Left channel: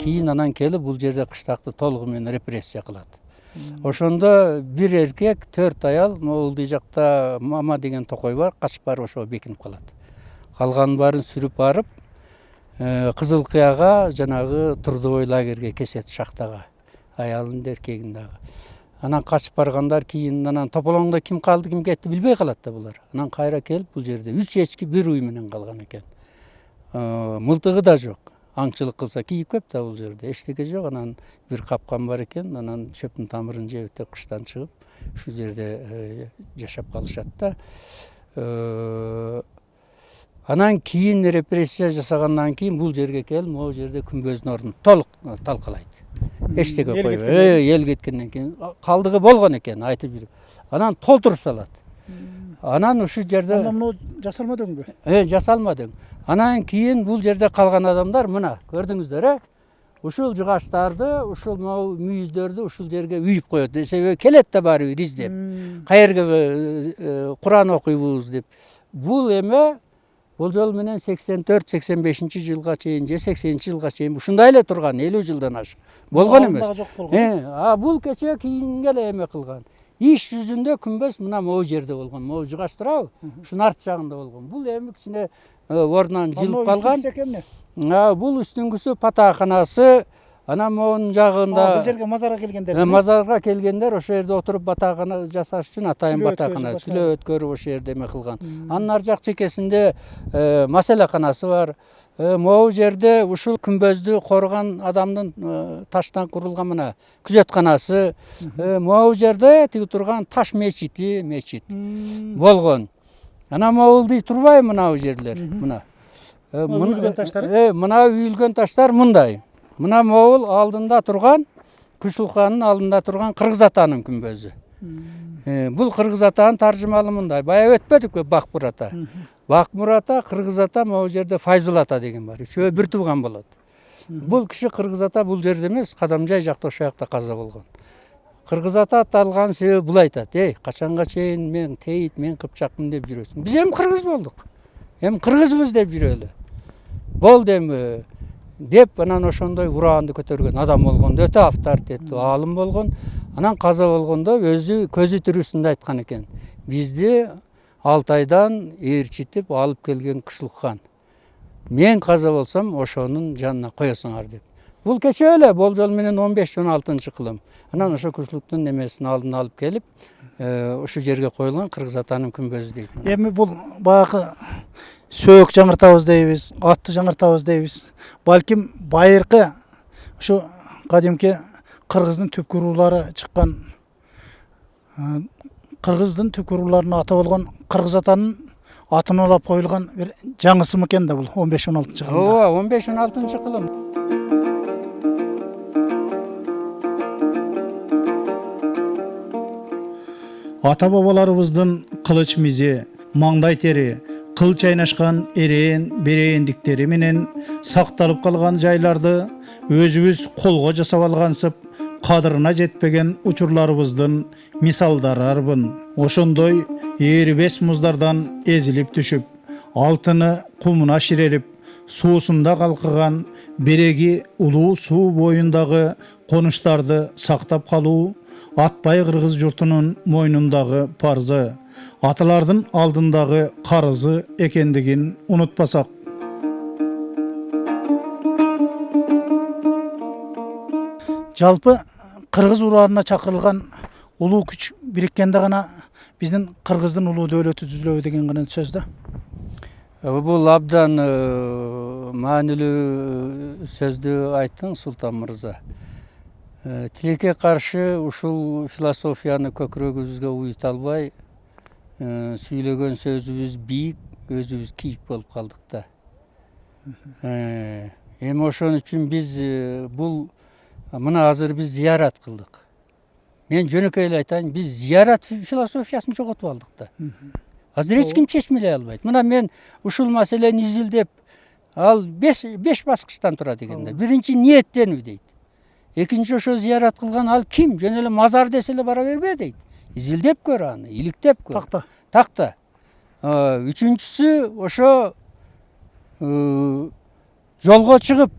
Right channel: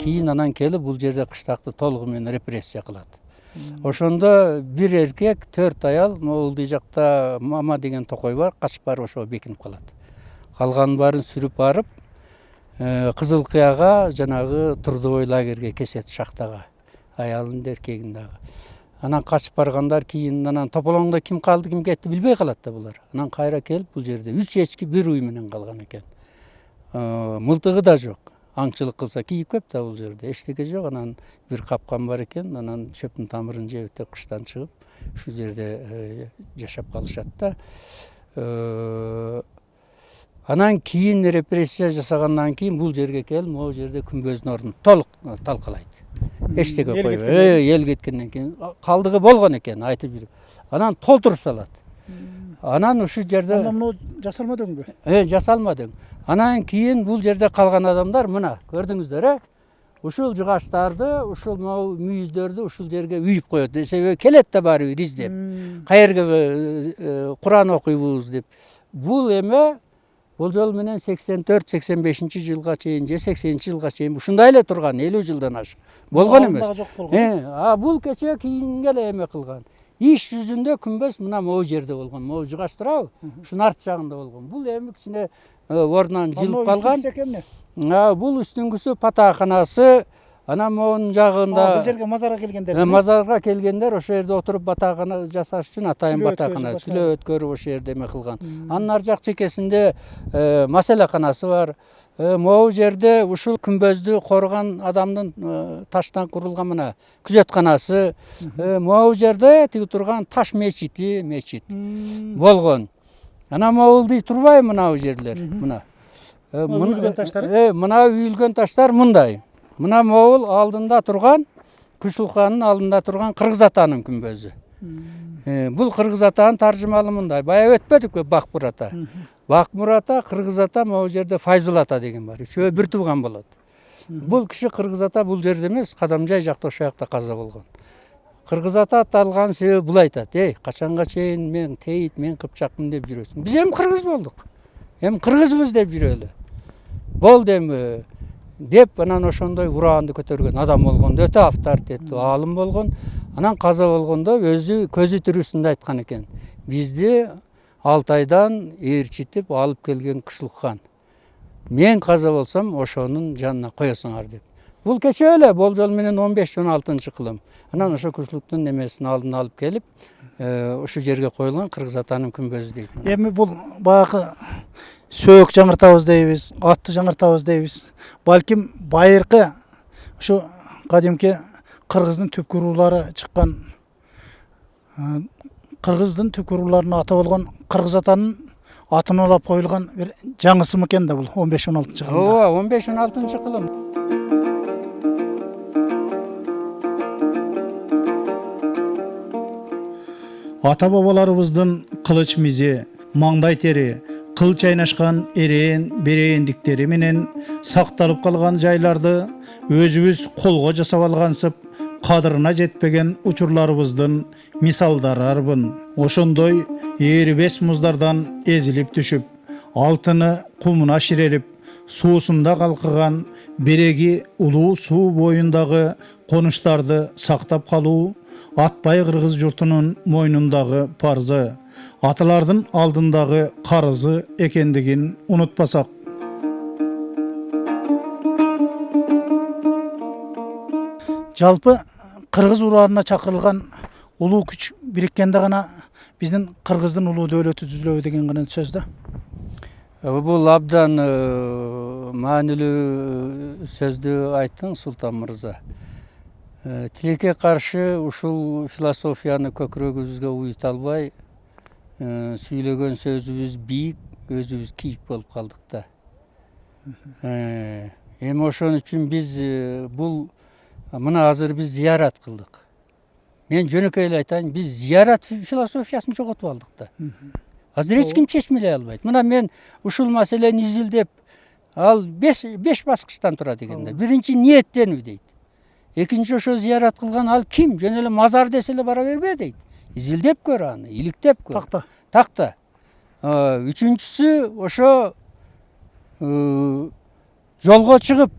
кийин анан келип бул жерде кыштакты толугу менен репрессия кылат. Ошондо бир эркек, 4 аял, могул жакта Мама деген токой бар, качып барып ошого бекинип калат. Калганын баарын сүрүп барып, Кызыл Кыяга, жанагы трудовой лагерге кесет, шахтага. Аялын да эркегин дагы. Анан качып баргандар кийин анан тополоңдо ким калды, ким кетти билбей калат да булар. Анан кайра келип бул жерде 3 эчки бир уй менен калган экен. Мылтыгы да жок. Аңчылык кылса кийип көп да бул жерде. Эчтеке жок. Анан бир капкан бар экен. Анан чөптүн тамырын жеп кыштан чыгып, ушу жерде жашап калышат да. Анан кийин репрессия жасагандан кийин бул жерге келип, могу жерде күмбөздүн ордун толук талкалайт. Эчтеке койбой. Эл кеткенден кийин калдыгы болгон экен, айтып жүрүп. Анан толтуруп салат. Анан ушул жерде Анан жасалмадыңбы? Жасалмадың. Анан кийин бул жерде калган адамдар мына көрдүңүздөр, ушул жыгачтарды, ушул мүйүздөрдү ушул жерге үйүп коет. Себеби келет да баары бир издеп. Каерге Куран окуйбуз деп. Бул эме болжол менен 84-85-жылга чейин же 80-жылга чейин ушундай эле турган, 50 жылдан ашык болгон эмес. Бул кече кийинге эле эме кылган. Иш жүзүндө күмбөз мына могу жерде болгон. Могу жыгач турабы? Ушунун арт жагында болгон. Бул эми кичине ордунан жылып калган. Бул үстүңгүсү патааканасы. Анан могунун жагында бул жерге мазарга келгендер. Мазарга келгендер ошол жерде отуруп батаакана жасаш үчүн атайын батаакана, түлөө өткөрүп ошол жерде эме кылган. Анын ар жак чекесинде маселаканасы бар. Могу жерде ушул күмбөздү корган адамдын таштан курулган мына күзөтканасы, могу жерде тиги турган таш мечит болгон. Анан могулдуй турбайбы мына жерлер, мына. Үйүлгөн таштар? Мына үйүлгөн таштар мындай. Мына могул алдында турган, Күчүлканын алдында турган Кыргыз атанын күмбөзү. Бул Кыргыз атанын таржымалы мындай. Бая өтпөдүкпү Бакмур ата. Бакмур ата, Кыргыз ата, могу жерде Файзул ата деген бар. Үчөө бир тууган болот. Бул киши Кыргыз ата бул жерде эмес, Кадамжай жакта ошол жакта каза болгон. Кыргыз ата атталган себеби бул айтат: качанга чейин мен тейит, мен Кыпчакмын деп жүрөсүң. Биз эми кыргыз болдук. Эми кыргызбыз деп жүрөлү. Болду эми деп анан ошондой ураанды көтөргөн адам болгон, өтө авторитеттүү аалым болгон. Анан каза болгондо өзү көзү тирүүсүндө айткан экен: бизди Алтайдан ээрчитип алып келген Күчүлкан. Мен каза болсом ошонун жанына коесуңар деп. Бул кече эле болжол менен 15-16-кылым. Анан ошо Күчүлүктүн немесин алдына алып келип, ошол жерге коюлган Кыргыз атанын күмбөзү дейт. Эми бул баягы сөөк жаңыртабыз дейбиз, атты жаңыртабыз дейбиз. Балким байыркы ушу кадимки кыргыздын түпкү уруулары чыккан, кыргыздын түпкү урууларынын аты болгон Кыргыз атанын атын алып коюлган бир жаңысы экен да бул 15-16-кылымда. Ооба, 15-16-кылым. Жалпы кыргыз урууларына чакырылган улуу күч бириккенде гана биздин кыргыздын улуу дөөлөтү түзүлөбү деген гана сөз да. Бул абдан маанилүү сөздү айттың, Султан мырза. Тилекке каршы ушул философияны көкүрөгүбүзгө уюта албай, сүйлөгөн сөзүбүз бийик, өзүбүз кийик болуп калдык да. Эми ошон үчүн биз бул мына азыр биз зыярат кылдык. Мен жөнөкөй эле айтайын, биз зыярат философиясын жоготуп алдык да. Азыр эч ким чечмелей албайт. Мына мен ушул маселени изилдеп, ал 5 баскычтан турат экен да. Биринчи ниеттенүү дейт. Экинчи ошо зыярат кылган ал ким? Жөн эле мазар десе эле бара бербе дейт. Изилдеп көр аны, иликтеп көр. Такта. Үчүнчүсү ошо жолго чыгып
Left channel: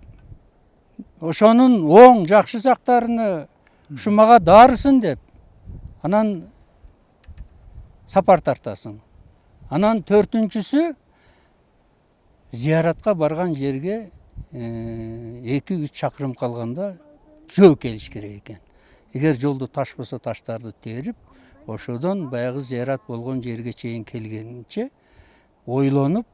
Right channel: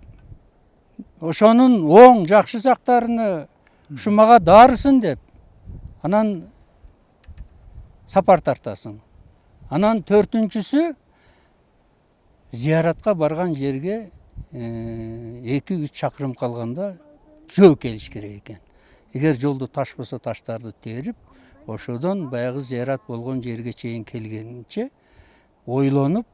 ошонун оң жакшы жактарыны ушу мага дарысын деп анан сапар тартасың. Анан төртүнчүсү зияратка барган жерге 2-3 чакырым калганда жөө келиш керек экен. Эгер жолдо таш болсо таштарды терип, ошодон баягы зиярат болгон жерге чейин келгенче ойлонуп,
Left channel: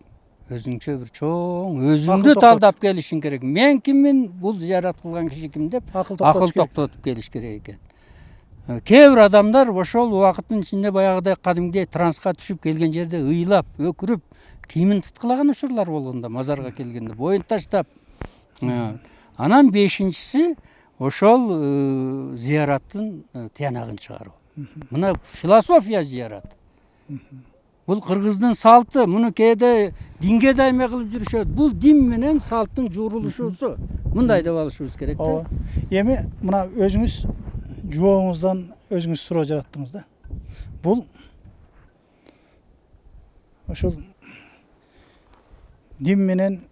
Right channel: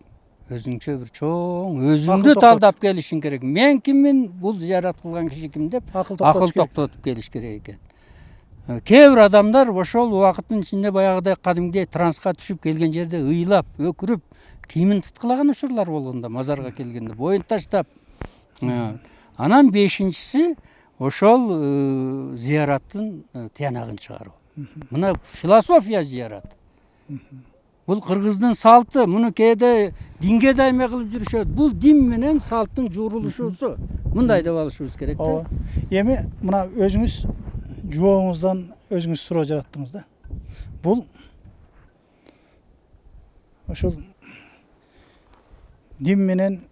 өзүңчө бир чоң өзүңдү талдап келишиң керек. Мен киммин, бул зиярат кылган киши ким деп акыл токтотуп келиш керек экен. Кээ бир адамдар ошол убакыттын ичинде баягыдай кадимгидей транска түшүп келген жерде ыйлап, өкүрүп, кийимин тыткылаган учурлар болгондо, мазарга келгенде боюн таштап. Анан бешинчиси ошол зияраттын тыянагын чыгаруу. Мына философия зиярат. Бул кыргыздын салты, муну кээде динге дайме кылып жүрүшөт. Бул дин менен салттын жуурулушусу. Мындай деп алышыбыз керек да. Эми мына өзүңүз жуооңуздан өзүңүз суроо жараттыңыз да. Бул ошол дин менен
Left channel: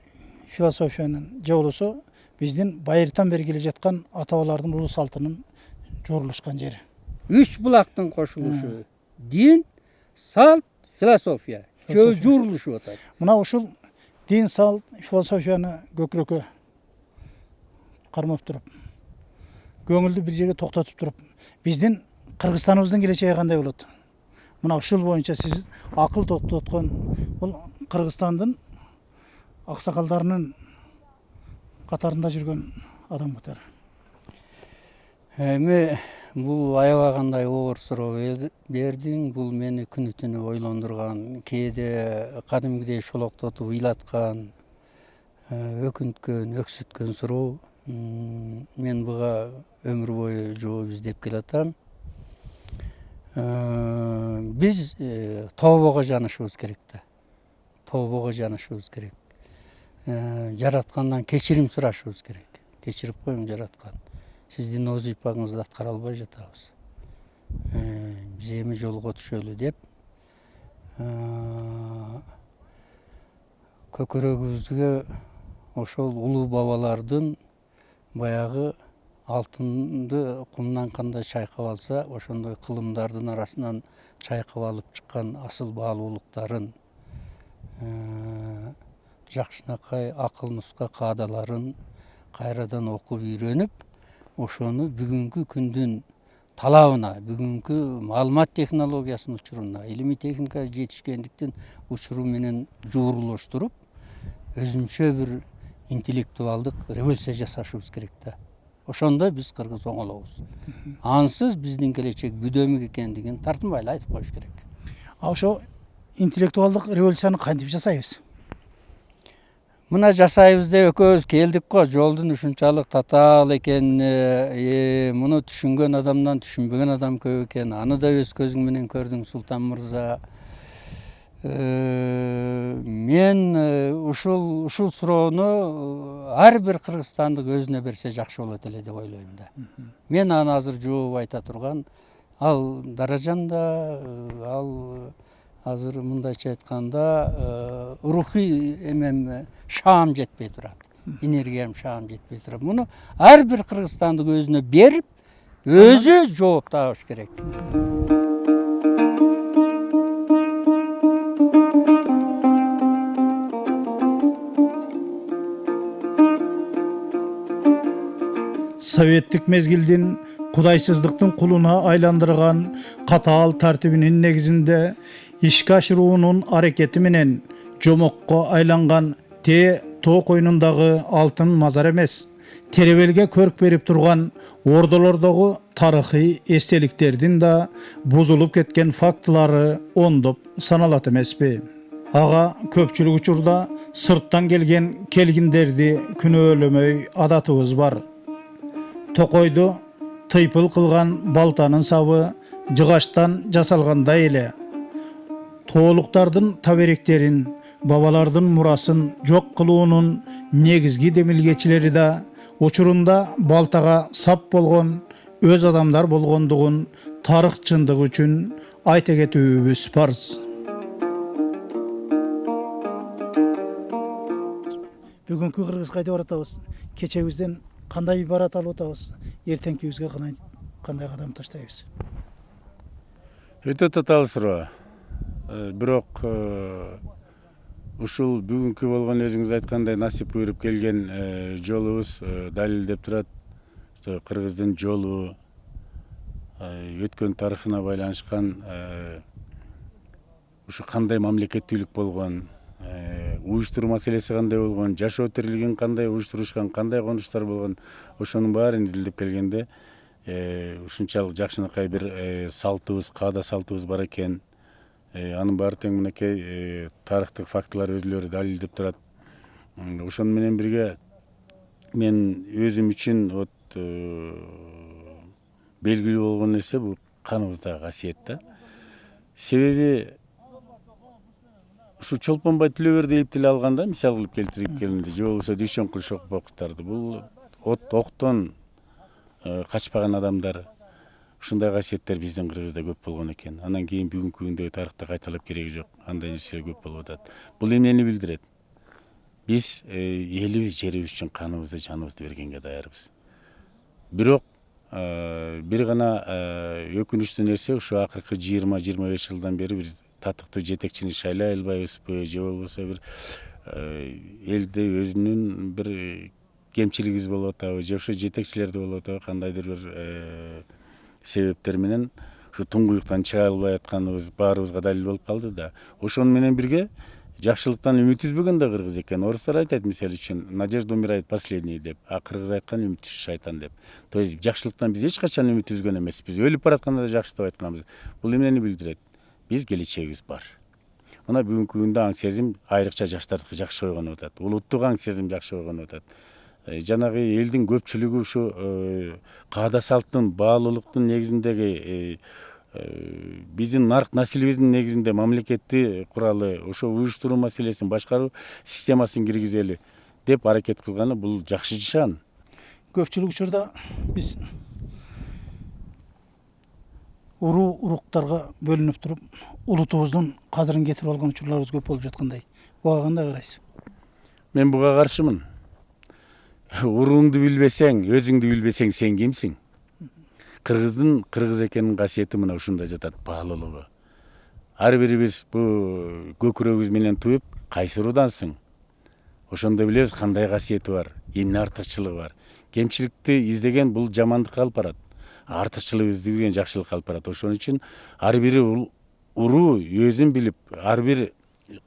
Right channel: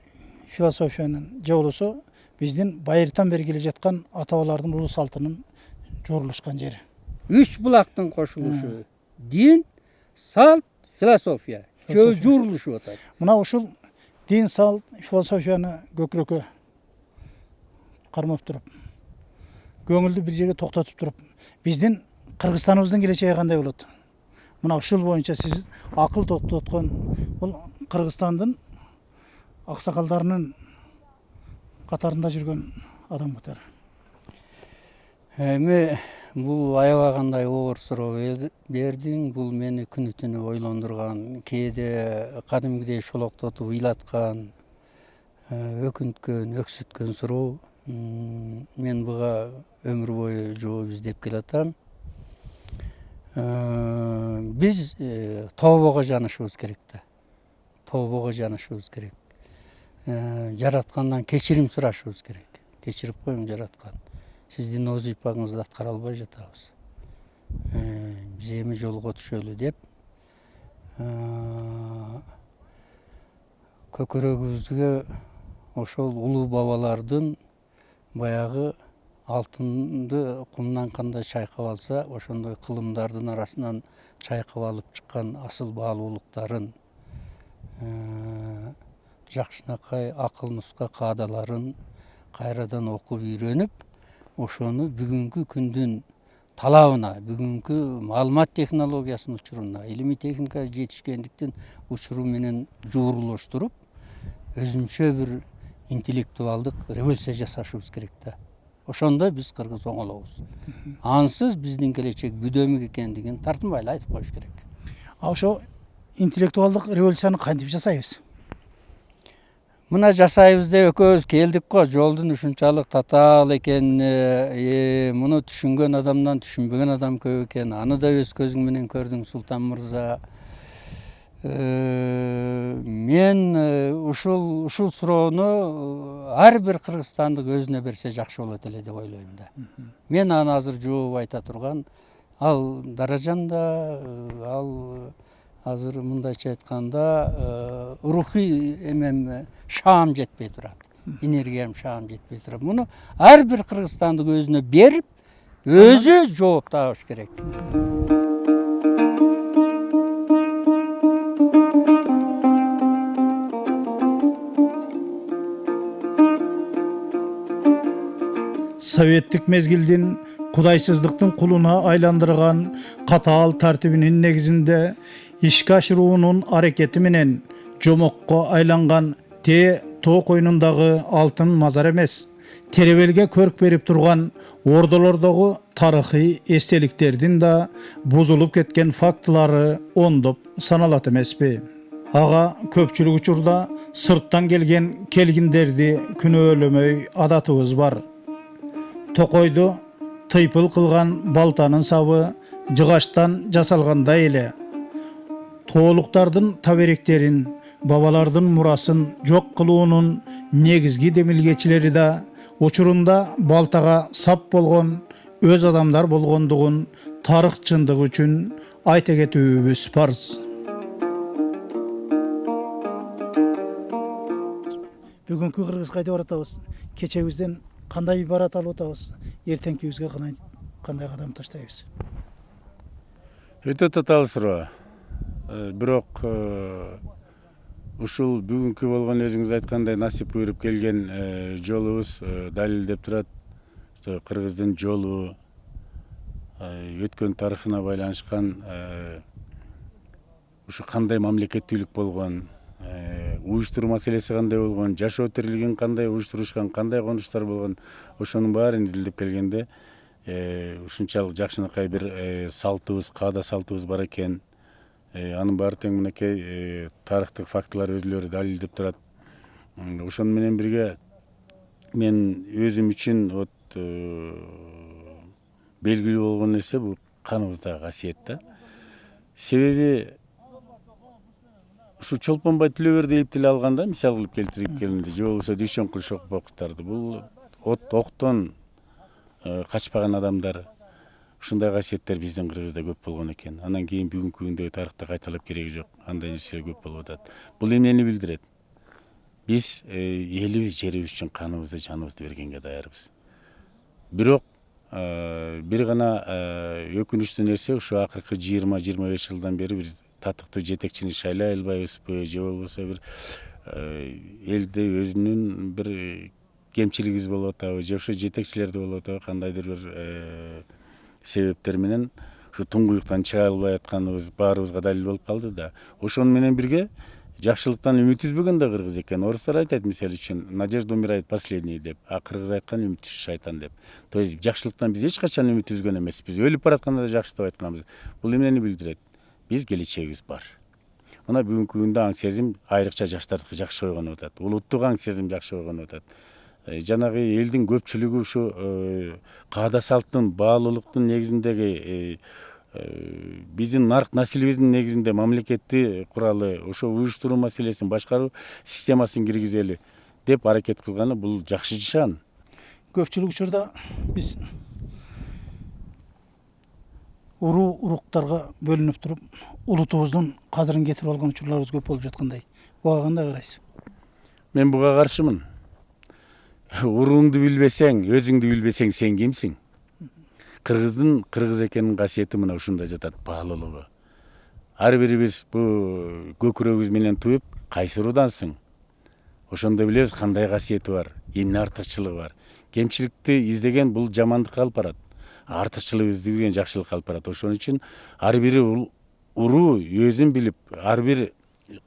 философиянын же болбосо биздин байыртан бери келе жаткан ата бабалардын улуу салтынын жуурулушкан жери. 3 булактын кошулушу. Дин, салт, философия. Жуурулушуп атат. Мына ушул дин, салт, философияны көкүрөккө кармап туруп, көңүлдү бир жерге токтотуп туруп, биздин Кыргызстаныбыздын келечеги кандай болот? Мына ушул боюнча сиз акыл токтоткон бул Кыргызстандын аксакалдарынын катарында жүргөн адам катары. Эми бул аябагандай оор суроо бердиң. Бул мени күнү түнү ойлондурган, кээде кадимгидей шолоктотуп ыйлаткан, өкүнткөн, өксүткөн суроо. Мен буга өмүр бою жооп издеп келатам. Биз тобого жанышыбыз керек да. Тобого жанышыбыз керек. Жараткандан кечирим сурашыбыз керек. Кечирип коюң жараткан. Сиздин вазыйфаңызды аткара албай жатабыз. Биз эми жолго түшөлү деп көкөрөгүбүзгө ошол улуу бабалардын баягы алтынды кумдан кандай чайкап алса, ошондой кылымдардын арасынан чайкап алып чыккан асыл баалуулуктарын, жакшынакай акыл нуска каадаларын кайрадан окуп үйрөнүп, ошону бүгүнкү күндүн талабына, бүгүнкү маалымат технологиясынын учуруна, илимий техника жетишкендиктин учуру менен жуурулуштуруп, өзүнчө бир интеллектуалдык революция жасашыбыз керек да. Ошондо биз кыргыз оңолобуз. Ансыз биздин келечек бүдөмүк экендигин тартынбай эле айтып коюш керек. Ошо интеллектуалдык революцияны кантип жасайбыз? Мына жасайбыз деп экөөбүз келдик го, жолдун ушунчалык татаал экенине, муну түшүнгөн адамдан түшүнбөгөн адам көп экен. Аны да өз көзүң менен көрдүң, Султан мырза. Мен ушул суроону ар бир кыргызстандык өзүнө берсе жакшы болот эле деп ойлойм да. Мен аны азыр жооп айта турган, ал даражамда, ал азыр мындайча айтканда рухий эмем шаам жетпей турат. Энергиям шаам жетпей турат. Муну ар бир кыргызстандык өзүнө берип, өзү жооп табыш керек. Бүгүнкү кыргызга айтып баратабыз. Кечебизден кандай ибарат алып атабыз, эртеңкибизге кандай кадам таштайбыз? Өтө татаал суроо. Бирок ушул бүгүнкү болгон өзүңүз айткандай насип буйруп келген жолубуз далилдеп турат. Кыргыздын жолу өткөн тарыхына байланышкан ушу кандай мамлекеттүүлүк болгон, уюштуруу маселеси кандай болгон, жашоо тирилигин кандай уюштурушкан, кандай конуштар болгон, ошонун баарын изилдеп келгенде ушунчалык жакшынакай бир салтыбыз, каада салтыбыз бар экен. Анын баары тең мынакей тарыхтык фактылар өзүлөрү далилдеп турат. Ошону менен бирге мен өзүм үчүн белгилүү болгон нерсе бул каныбыздагы касиет да. Себеби ушу Чолпонбай Түлөберди элип деле алганда, мисал кылып келтирип келгенде, же болбосо Дүйшөнкул Шокпоктарды, бул октон качпаган адамдар. Ушундай касиеттер биздин Кыргызда көп болгон экен. Андан кийин бүгүнкү күндөгү тарыхта кайталап кереги жок. Андай нерселер көп болуп атат. Бул эмнени билдирет? Биз элибиз, жерибиз үчүн каныбызды, жаныбызды бергенге даярбыз. Бирок бир гана өкүнүчтүү нерсе, ушу акыркы 20-25 жылдан бери биз татыктуу жетекчини шайлай албайбызбы, же болбосо бир элде өзүнүн бир кемчилигибиз болуп атабы, же ошо жетекчилерде болуп атабы, кандайдыр бир себептер менен ушу туңгуюктан чыга албай атканыбыз баарыбызга далил болуп калды да. Ошону менен бирге жакшылыктан үмүт үзбөгөн да кыргыз экен. Орустар айтат мисалы үчүн, надежда умирает последний деп, а кыргыз айткан үмүт шайтан деп. То есть жакшылыктан биз эч качан үмүт үзгөн эмеспиз. Өлүп баратканда да жакшы деп айтканбыз. Бул эмнени билдирет? Биз келечегибиз бар. Мына бүгүнкү күндө аң сезим айрыкча жаштардыкы жакшы ойгонуп атат. Улуттук аң сезим жакшы ойгонуп атат. Жанагы элдин көпчүлүгү ушу каада салттын, баалуулуктун негизиндеги биздин нарк насилибиздин негизинде мамлекетти куралы, ошо уюштуруу маселесин, башкаруу системасын киргизели деп аракет кылганы бул жакшы нишан. Көпчүлүк учурда биз уруктарга бөлүнүп туруп, улутубуздун кадырын кетирип алган учурларыбыз көп болуп жаткандай. Буга кандай карайсыз? Мен буга каршымын. Уруңду билбесең, өзүңдү билбесең, сен кимсиң? Кыргыздын кыргыз экенин касиети мына ушунда жатат, баалуулугу. Ар бирибиз бул көкүрөгүбүз менен туюп, кайсы урудансың? Ошондо билебиз кандай касиети бар, эмне артыкчылыгы бар. Кемчиликти издеген бул жамандыкка алып барат. Артыкчылык издеген жакшылыкка алып барат. Ошон үчүн ар бир уруу өзүн билип, ар бир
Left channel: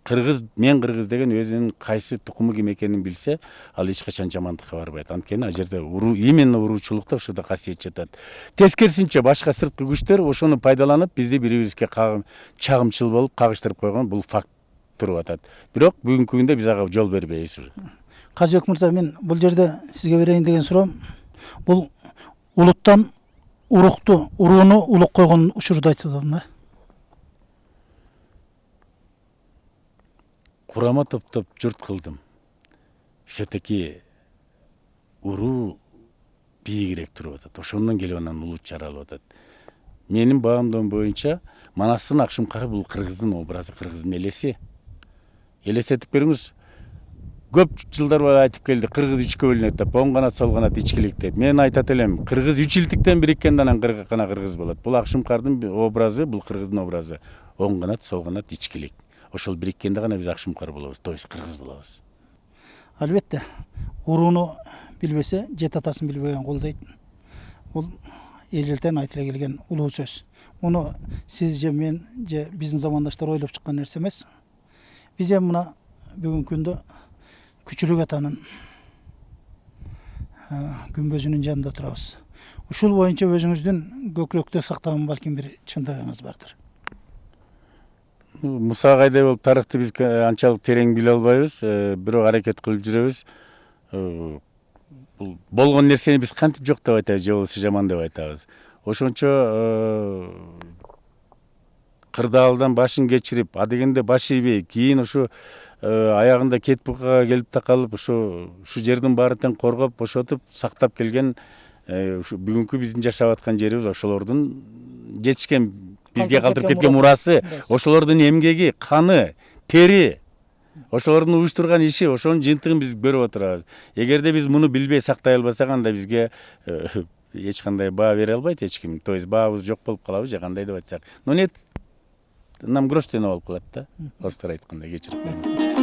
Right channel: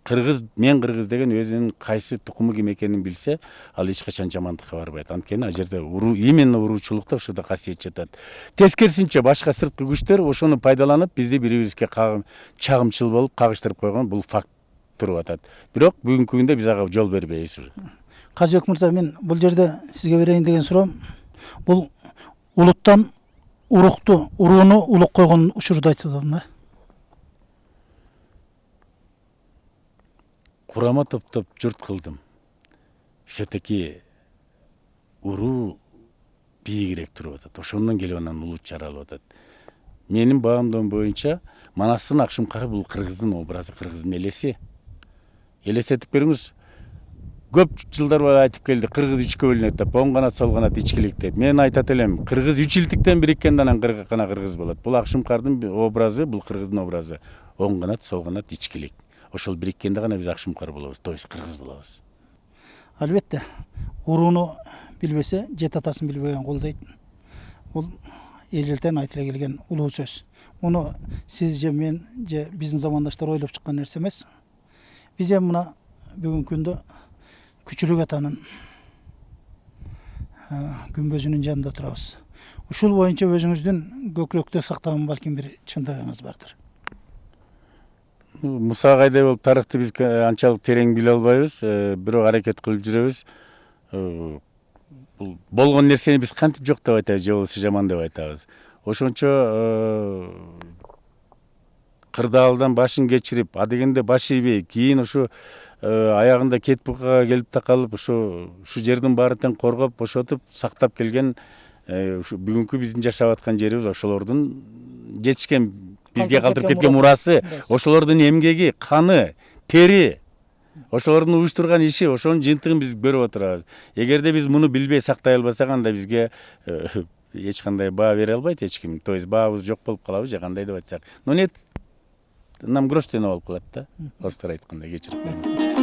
кыргыз, мен кыргыз деген өзүнүн кайсы тукуму ким экенин билсе, ал эч качан жамандыкка барбайт. Анткени ал жерде именно уруучулукта ушунда касиет жатат. Тескерисинче башка сырткы күчтөр ошону пайдаланып, бизди бири-бирибизге чагымчыл болуп кагыштырып койгон бул факт туруп атат. Бирок бүгүнкү күндө биз ага жол бербейбиз. Казыбек мырза, мен бул жерде сизге берейин деген суроом, бул улуттан урууну улук койгон учурду айтып атам да. Курама топтоп журт кылдым. Все-таки уруу бийигирээк туруп атат. Ошондон келип анан улут жаралып атат. Менин баамдоом боюнча, Манастын Акшумкары бул кыргыздын образы, кыргыздын элеси. Элестетип көрүңүз. Көп жылдар бойы айтып келди, кыргыз үчкө бөлүнөт деп, оң канат, сол канат, ичкилик деп. Мен айтат элем, кыргыз үч илтиктен бириккенде анан кыргыз болот. Бул Акшумкардын образы, бул кыргыздын образы. Оң канат, сол канат, ичкилик. Ошол бириккенде гана биз Акшумкар болобуз, то есть кыргыз болобуз. Албетте, урууну билбесе, жет атасын билбеген кул дейт. Бул эжелтен айтыла келген улуу сөз. Муну сиз же мен же биздин замандаштар ойлоп чыккан нерсе эмес. Биз эми мына бүгүнкү күндө Күчүлүк атанын күмбөзүнүн жанында турабыз. Ушул боюнча өзүңүздүн көкүрөктө сактаган балким бир чындыгыңыз бардыр. Муса кайдай болуп тарыхты биз анчалык терең биле албайбыз, бирок аракет кылып жүрөбүз. Бул болгон нерсени биз кантип жок деп айтабыз, же болбосо жаман деп айтабыз. Ошончо кырдаалдан башын кечирип, адегенде баш ийбей, кийин ушу аягында кет букага келип такалып, ушу жердин баарын тең коргоп, бошотуп, сактап келген ушу бүгүнкү биздин жашап аткан жерибиз, ошолордун жетишкен бизге калтырып кеткен мурасы, ошолордун эмгеги, каны, тери. Ошолордун уюштурган иши, ошонун жыйынтыгын биз көрүп отурабыз. Эгерде биз муну билбей сактай албасак, анда бизге эч кандай баа бере албайт эч ким. То есть баабыз жок болуп калабы же кандай деп айтсак. Но нет, нам грош цена болуп калат да. Орустар айткандай, кечирип коюңуз.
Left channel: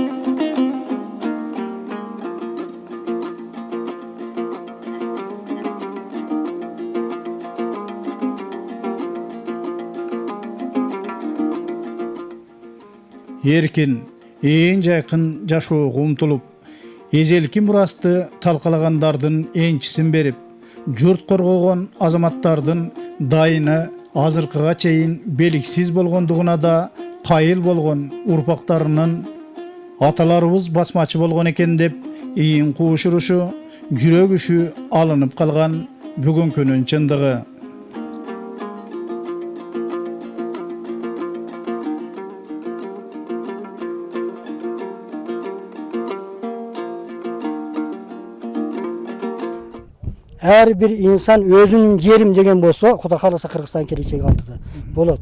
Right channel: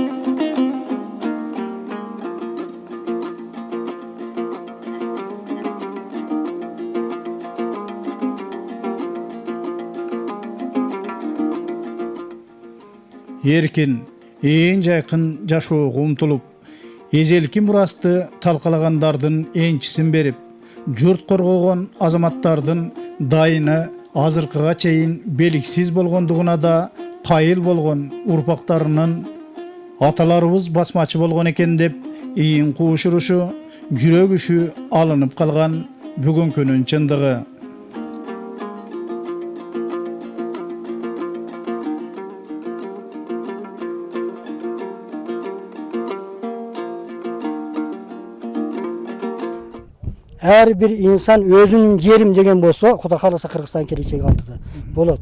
Her bir insan özünün yerim degen bolsa, Kuda kalasa Kırgızstan kelечеги алдыда болот.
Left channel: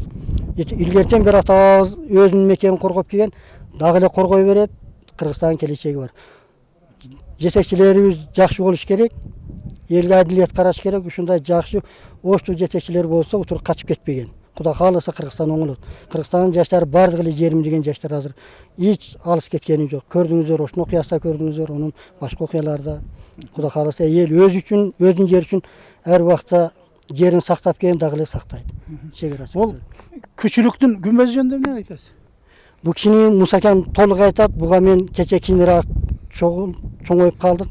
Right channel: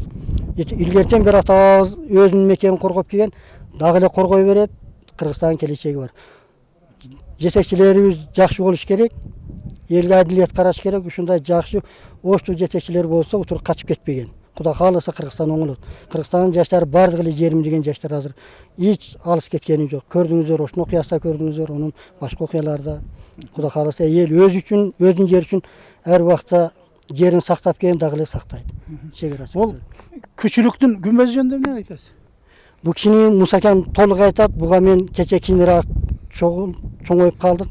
İlgerçen bir atabız özünün mekenini korgop kelген, дагы эле коргой берет, Kırgızstan kelечеги бар. Жетекчилерибиz жакшы болуш керек, элге адилет караш керек, ушундай жакшы оштуу жетекчилер болсо, утур качып кетпеген. Kuda kalasa Kırgızstan оңолот. Kırgızстандын жаштары бардыгы эле жерим деген жаштар азыр эч алыс кеткени жок. Көрдүңүздөр, ошол окуясында көрдүңүздөр, онун башка окуяларда. Kuda kalasa эл өзү үчүн, өзүнүн жери үчүн ар убакта жерин сактап келген, дагы эле сактайт. Ол күчүлүктүн күмбөзү жөнүндө эмне айтасыз? Бу кишини Мусакан толук айтат. Буга мен кече кийинирээк чоңоюп калдык.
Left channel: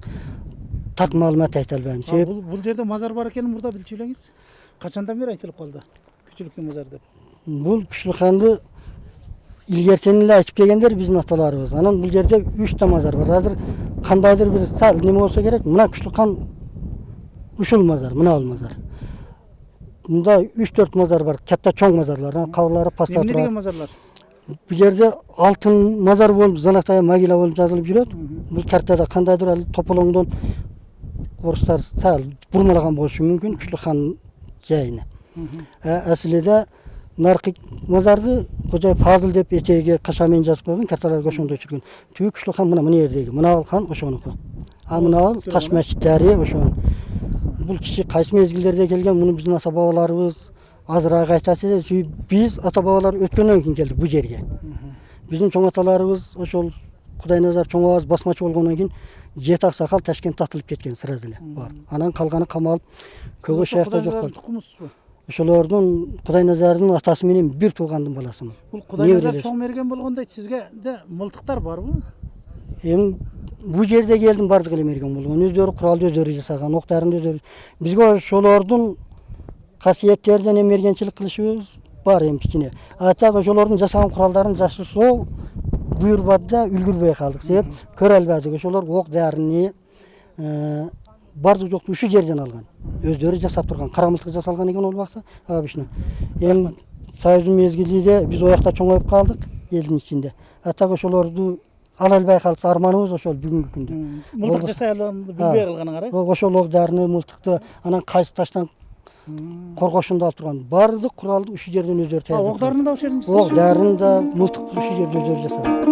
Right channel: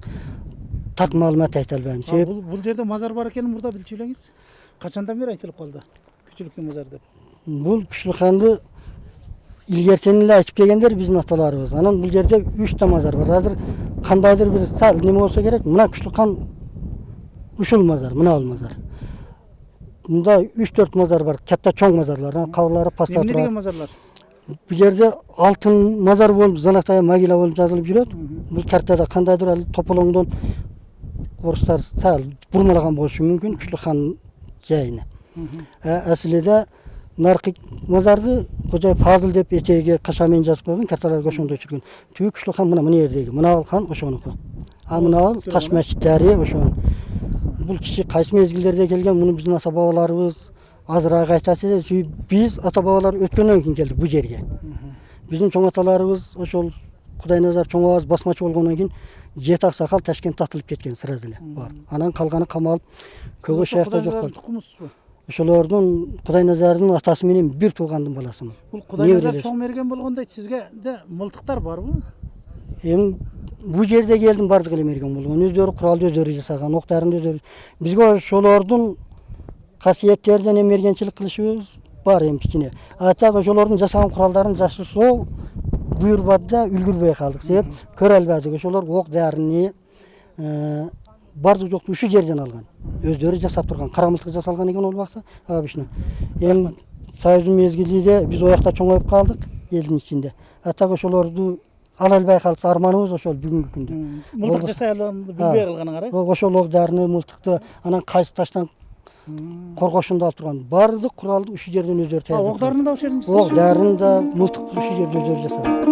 Так маалымат айта албайм. Себеп Бул жерде мазар бар экенин мурда билчү элеңиз? Качандан бери айтылып калды? Күчүлүктүн мазары деп. бул Күчлүканды илгертен эле айтып келгендер биздин аталарыбыз. Анан бул жерде 3 та мазар бар. Азыр кандайдыр бир сал неме болсо керек, мына Күчлүкан ушул мазар, мына ал мазар. Мында 3-4 мазар бар, катта чоң мазарлар, кабырлары паста Эмне деген турат. мазарлар? Бул жерде алтын мазар болуп, Занактай могила болуп жазылып жүрөт. Бул картада кандайдыр ал тополоңдон орустар сал бурмалаган болушу мүмкүн Күчлүкан жайыны. Аслыда наркы мазарды Кожой Фазыл деп этеги кашамен жазып койгон, карталар ошондой жүргөн. Түгү Күчлүкан мына жердеги, мына ал хан ошонуку. А мына ал таш мечиттери ошон. Бул киши кайсы мезгилдерде келген, муну биздин ата бабаларыбыз азыраак айтат эле. Биз ата бабалар өткөндөн кийин келдик бу жерге. Биздин чоң аталарыбыз ошол Кудайназар чоң абаз басмачы болгондон кийин 7 аксакал Ташкентте атылып кеткен сразу эле. Анан калганы камалып көгө шаякта жок болду. Тукумусузбу? Ошолордун Кудайназардын атасы менен бир туугандын баласымын. Бул Кудайназар чоң мерген болгондой сизге де мылтыктар барбы? Эми бу жерде келдим, бардык эле мерген болгон. Өздөрү куралды өздөрү жасаган, октарын өздөрү. Бизге ошолордун касиеттеринен эмергенчилик кылышыбыз бар эми кичине. Атак ошолордун жасаган куралдарын жашырсоо буйрбады да үлгүрбөй калдык. Себеп көрө албадык. Ошолор ок дарыны бардык жокту ушу жерден алган. Өздөрү жасап турган, кара мылтык жасалган экен ол убакта. Обычно. Эми Союздун мезгилинде биз оякта чоңоюп калдык элдин ичинде. Атак ошолорду ала албай калдык, арманыбыз ошол бүгүнкү күндө. Мылтык жасай алганды билбей калганыңар, э? Ошол ок дарыны, мылтыкты, анан кайсы таштан коргошунду алып турган. Бардык куралды ушу жерден өздөрү даярдап. Ок дарыны да ошол жерден жасаган. Ок дарыны да, мылтыкты ушу жерде өздөрү жасаган.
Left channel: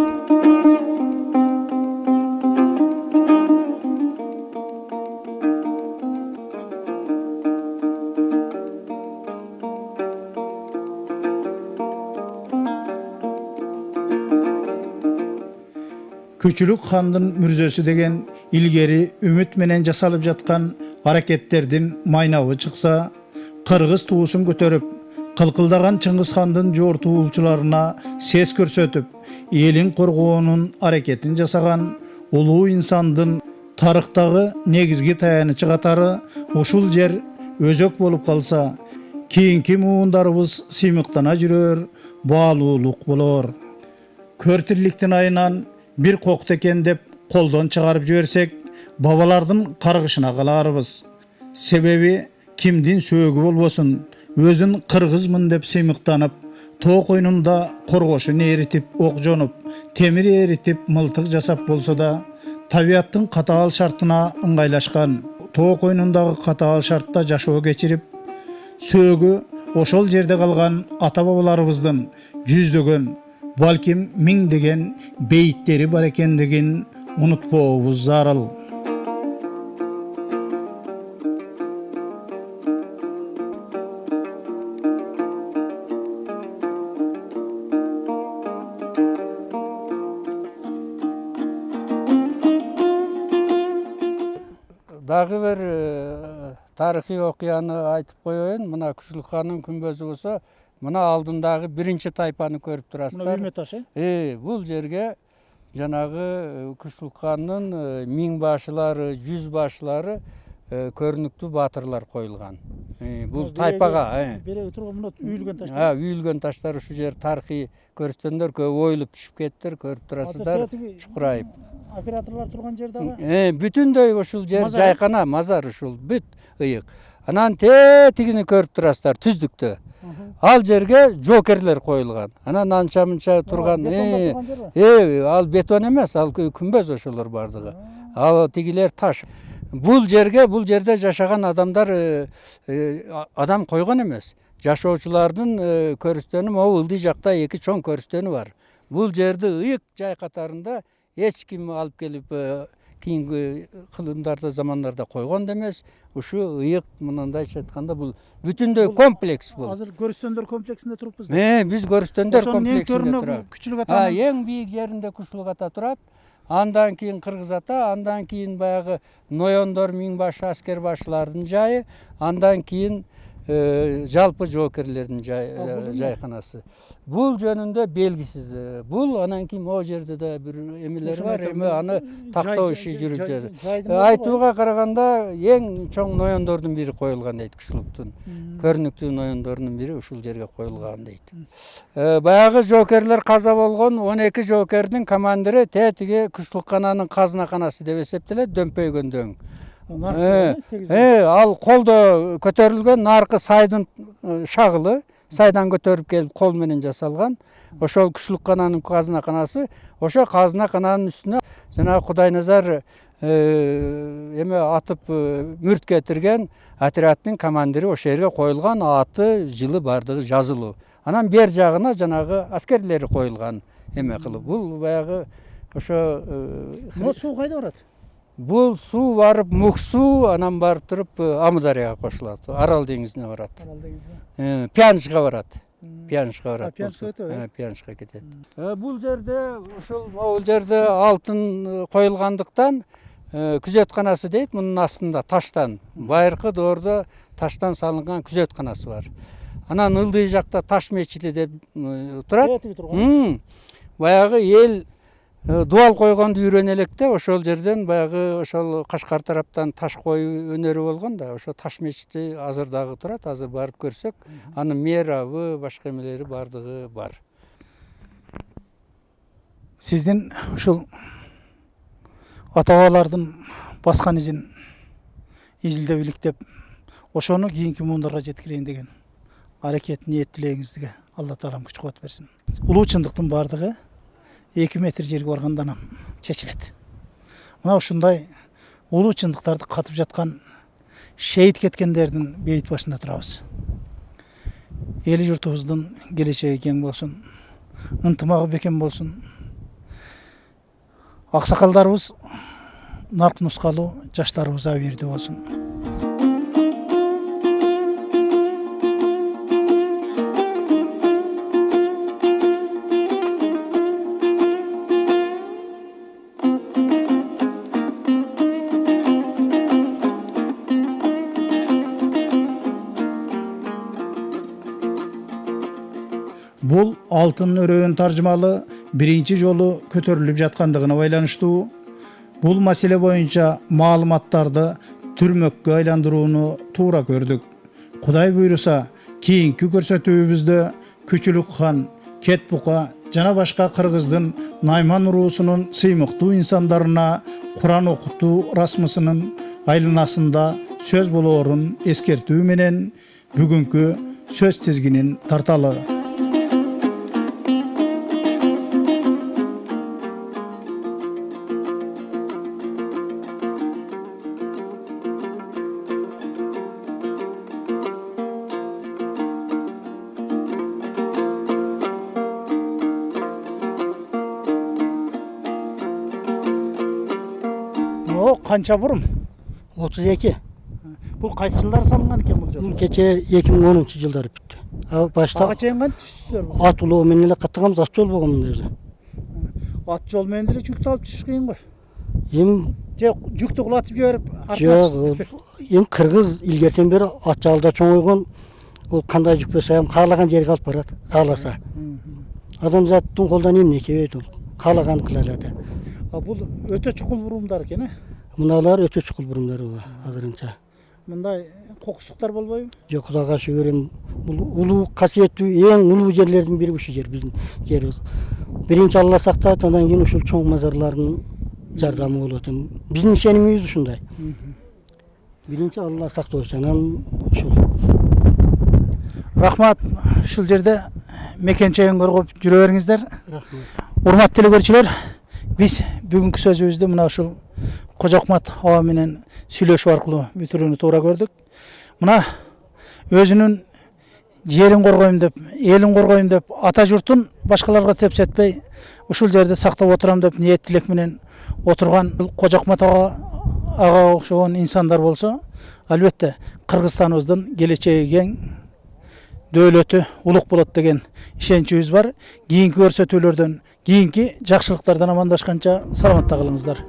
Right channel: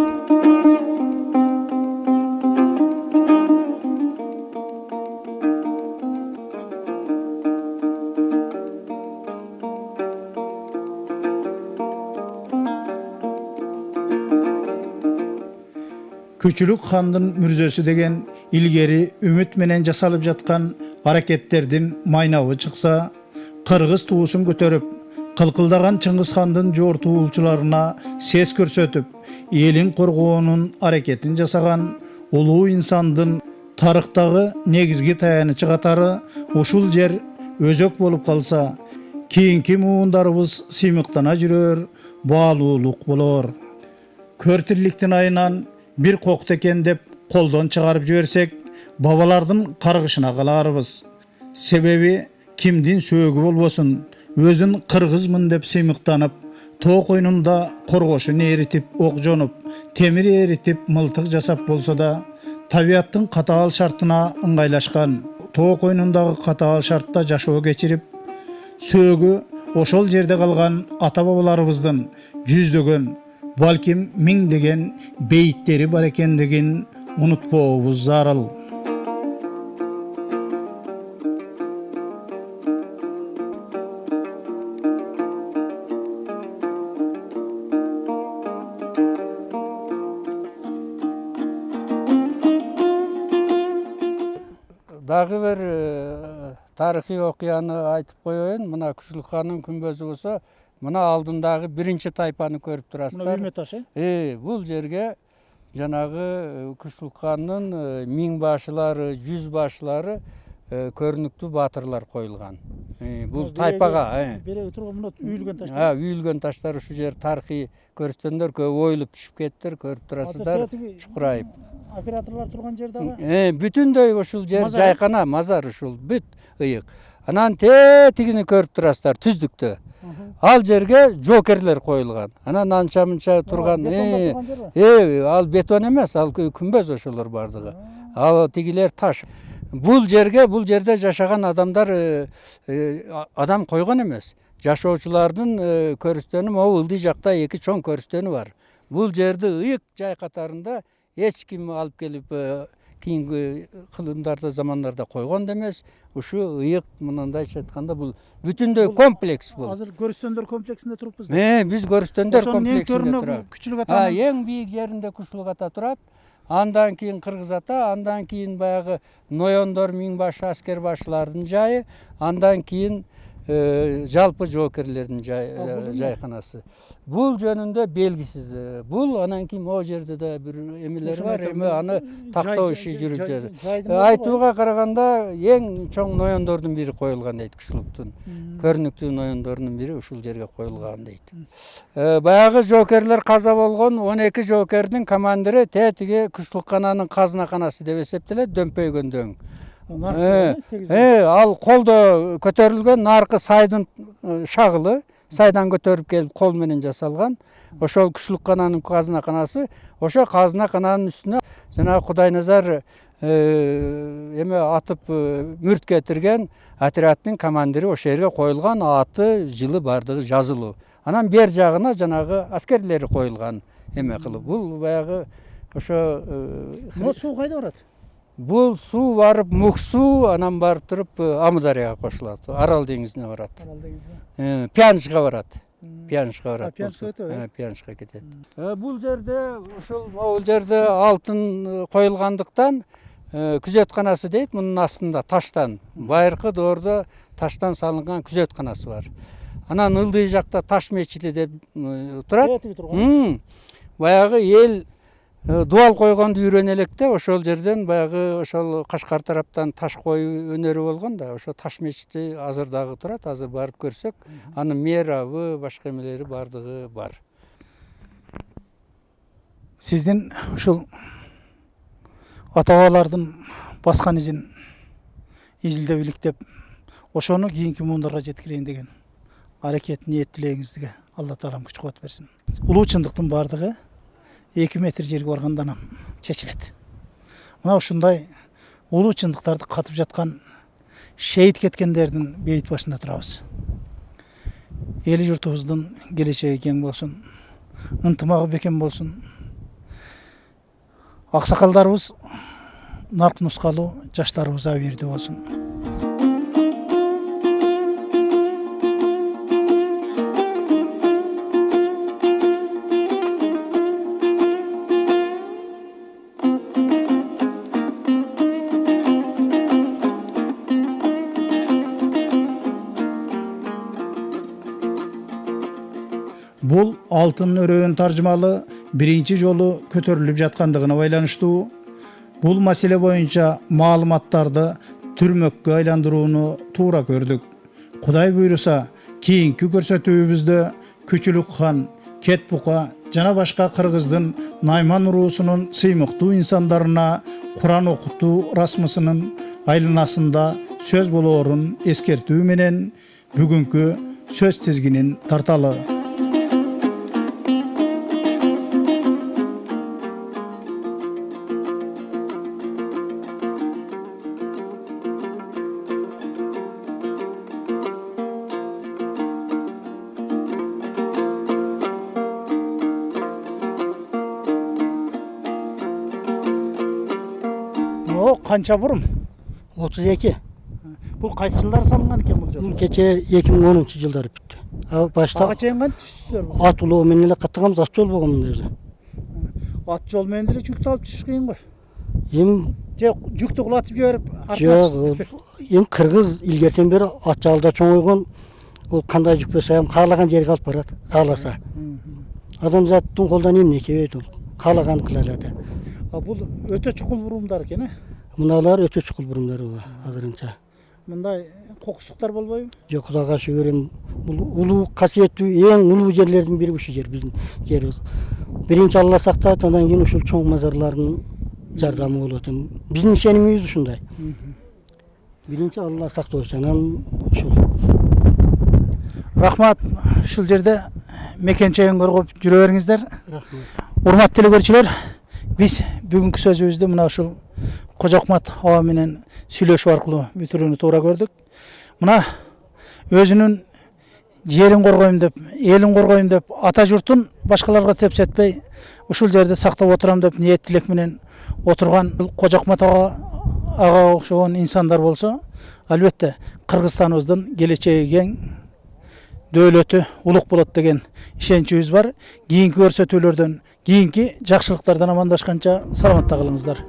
дагы бир тарыхый окуяны айтып коеюн. Мына Күчүлүк-хандын күмбөзү болсо, мына алдындагы биринчи тайпаны көрүп Мына турасыздар. үймө таш Бул жерге жанагы Күчүлүк-хандын 1000 башылары, 100 башылары көрүнүктүү баатырлар коюлган. Бул тайпага береги турган мына үйүлгөн таш. үйүлгөн таштар ушул жер тарыхый көрсөтсөңдөр көп ойулуп түшүп кеттир, көрүп турасыздар, чукурайып. Операторлор турган жер дагы. Бүтүндөй ушул жер Мазар. жайкана, мазар ушул бүт ыйык. Анан тетигини көрүп турасыздар түздүктө. Ал жерге жокерлер коюлган. Анан анча мынча турган. Ал бетон эмес, ал күмбөз ошолор бардыгы. Ал тигилер таш. Бул жерде жашаган адамдар адам койгон эмес. Жашоочулардын көрүстөнү могу ылдый жакта эки чоң көрүстөнү бар. Бул жерди ыйык жай катарында эч ким алып келип кийинки кылымдарда замандарда койгон да эмес. Ушу ыйык мындайча айтканда бул бүтүндөй комплекс бул. Азыр көрүстөндөр комплексинде туруппуз. Биз көрүстөндөр комплексинде турабыз. турабыз. Күчүлүк атанын Эң бийик жеринде Күчүлүк ата турат. Андан кийин Кыргыз ата, андан кийин баягы ноёндор, 1000 башы аскер башылардын жайы, андан кийин жалпы жоокерлердин жайканасы. Бул жөнүндө белгисиз. Бул анан кийин могу жерде да бир эмелер бар, эми аны тактоо иши жүрүп жатат. Айтууга караганда эң чоң ноёндордун бири коюлган дейт Күчүлүктүн. Көрүнүктүү ноёндордун бири ушул жерге коюлган дейт. Баягы жоокерлер каза болгон 12 жоокердин командири тетиги Күчүлүк-хананын казынаканасы деп эсептелет, дөмпөйгөндөн. Ал колдо көтөрүлгөн наркы сайдын шагылы, сайдан көтөрүп келип кол менен жасалган. Ошол Күчүлүк-хананын казынаканасы, ошо казынакананын үстүнө жана Кудайназар эме атып мүрт кетирген отрядтын командири ошол жерге коюлган, аты, жылы бардыгы жазылуу. Анан бер жагына жанагы аскерлери коюлган эме кылып. Бул баягы ошо суу кайда барат? Бул суу барып Муксу, анан барып туруп Амударияга кошулат. Арал деңизине барат. Пянжга барат. Пянжга кетет. Бул жерде ушул жерде алтын коюлгандыктан күзөтканасы дейт, мунун астында таштан. Байыркы доордо таштан салынган күзөтканасы бар. Анан ылдый жакта Таш мечити деп турат. Баягы эл дуал койгонду үйрөнө электе ошол жерден баягы ошол Кашкар тараптан таш коюу өнөрү болгон да, ошо Таш мечити азыр дагы турат. Азыр барып көрсөк, анын мээрабы, башка эмелери бардыгы бар. Сиздин ушул ата-бабалардын баскан изин изилдеп иликтеп, ошону кийинки муундарга жеткирейин деген аракет, ниет, тилегиңизге Алла Таалам күч кубат берсин. Улуу чындыктын бардыгы 2 метр жерге барганда анан чечилет. Мына ушундай улуу чындыктарды катып жаткан шейит кеткендердин бейит башында турабыз. Эли журтубуздун келечеги кең болсун, ынтымагы бекем болсун. Аксакалдарыбыз нарк нускалуу, жаштарыбыз абийирдүү болсун. Канча бурун? 32. Бул кайсы жылдары салынган экен бул жол? Бул кече 2010 жылдары бүттү. Башта Ага чейин кантип түштүздөр? ат улоо менен эле каттаганбыз, ат жол болгон мында жерде. Ат жол менен деле жүктү алып түшүш кыйын го. Эми же жүктү кулатып жиберип жок, эми кыргыз илгертен бери ат жалда чоңойгон, ол кандай жүк болсо ham каалаган жерге алып барат, кааласа. Адамзаттын колдон эмне келет, ол каалаганын кыла алат. бул өтө чукул бурумдар экен, Мыналар өтө чукул бурумдар азырынча. мындай кокустуктар болбойбу? Жок, Кудайга шүгүр, эми бул улуу касиеттүү, эң улуу жерлердин бири ушул жер, биздин жерибиз. Биринчи Алла сактап, андан кийин ушул чоң мазарлардын жардамы болот. Биздин ишенимибиз ушундай. Биринчи Алла сактоочу, анан ушул. Рахмат, ушул жерде мекен чайын коргоп жүрө бериңиздер. Рахмат. Урматтуу телекөрүүчүлөр, биз бүгүнкү сөзүбүздү мына ушул Кожокмат аба менен сүйлөшүү аркылуу бүтүрүүнү туура көрдүк. Мына өзүнүн жерин коргойм деп, элин коргойм деп, ата журтун башкаларга тепсетпей, ушул жерде сактап отурам деп ниет тилек менен отурган Кожокмат ага окшогон инсандар болсо, албетте Кыргызстаныбыздын келечеги кең, дөөлөтү улук болот деген ишеничибиз бар. Кийинки көрсөтүүлөрдөн, кийинки жакшылыктардан амандашканча саламатта калыңыздар.